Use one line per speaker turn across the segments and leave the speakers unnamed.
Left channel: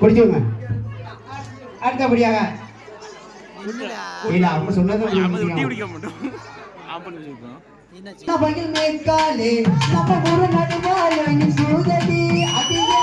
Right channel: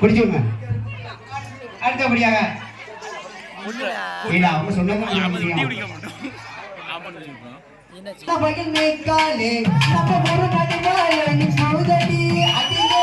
பிடிச்சுங்க அடுத்தபடியாக இல்ல அவங்க சொன்னது
சபையில் மேய்க்காலே சப ஒரு நடுவாளனி சூதடி அதிலே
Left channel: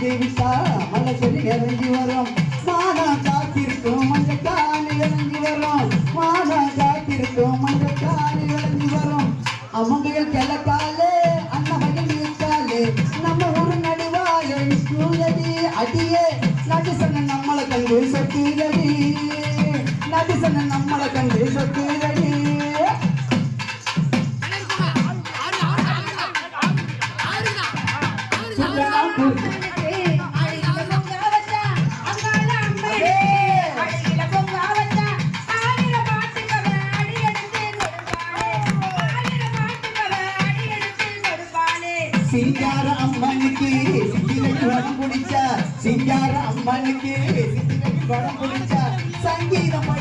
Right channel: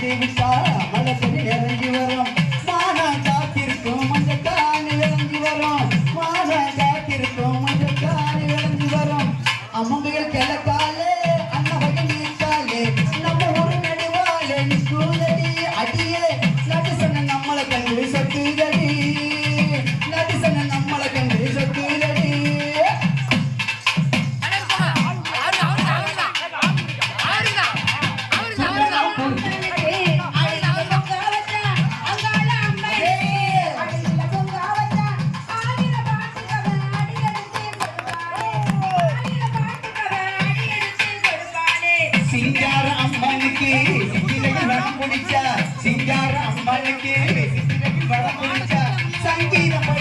வந்து உஷா மலசரி நிறைஞ்சி வரும். மானா காத்திருக்கும் மஞ்சள் காணி விளைஞ்சி வரும். மானா காத்திருக்கும் மஞ்சள் காணி விளைஞ்சி வரும். அம்மங்கள் கிழக்காலே அண்ணவகன் இருக்காலே நம்ம ஒரு நடுவாலே சூழலி அடியே. நடிசன நம்மளை கண்டு நடிசன சிங்கார அம்மனுக்கு. இன்னைக்கு வரம் பிடிச்சா சிங்கார அம்மனுக்கு. இன்னைக்கு வரம் சங்கீதம்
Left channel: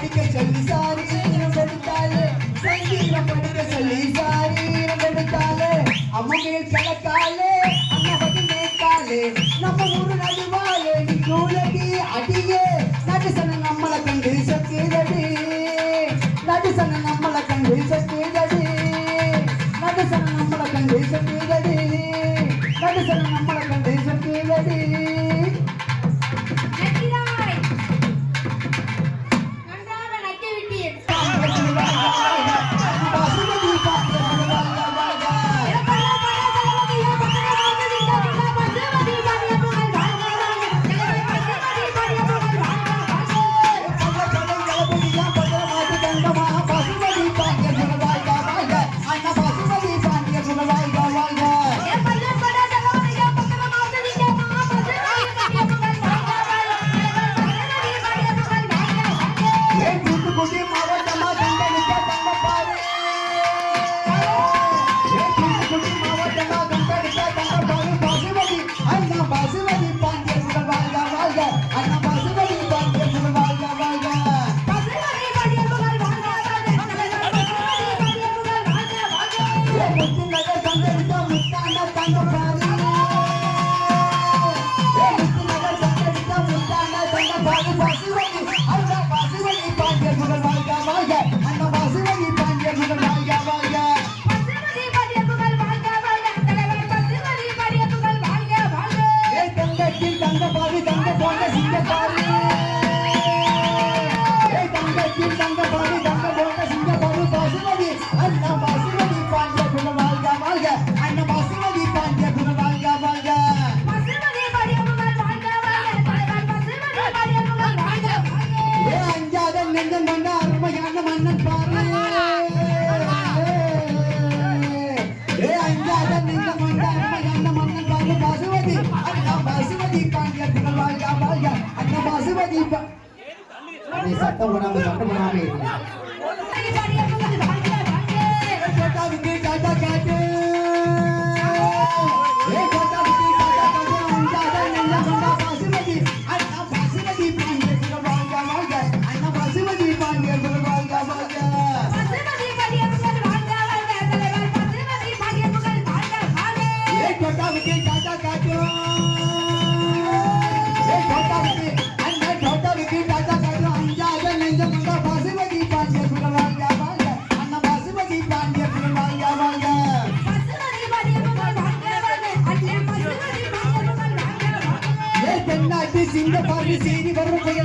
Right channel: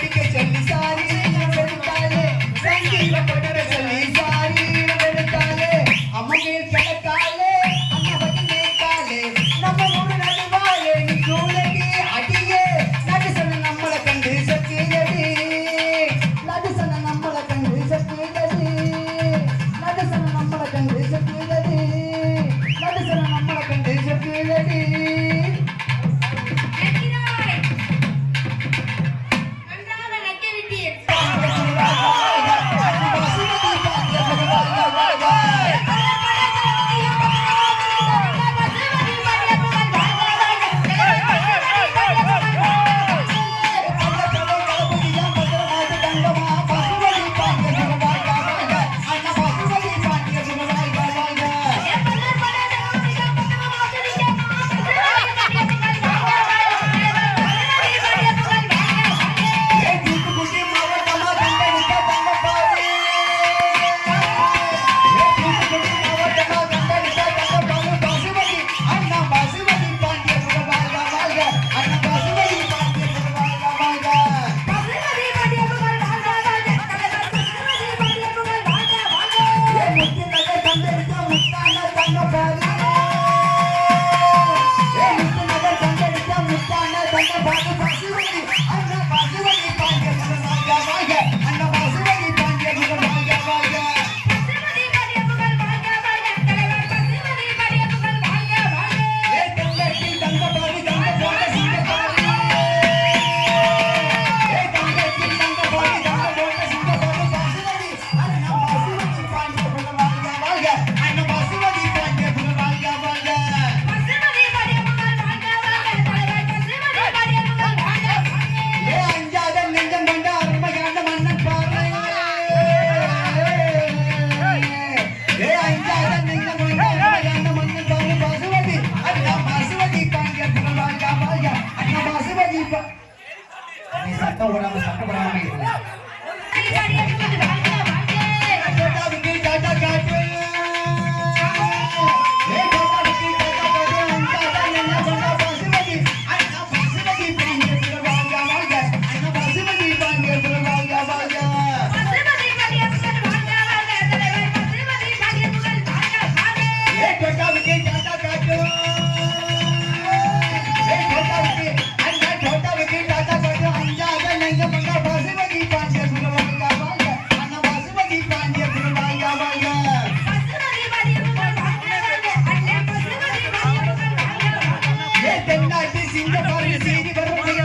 வந்து சண்டை போடாமல் இருக்கணும். தென்னாட்டி சிங்க பார்வை செய்தி வரும்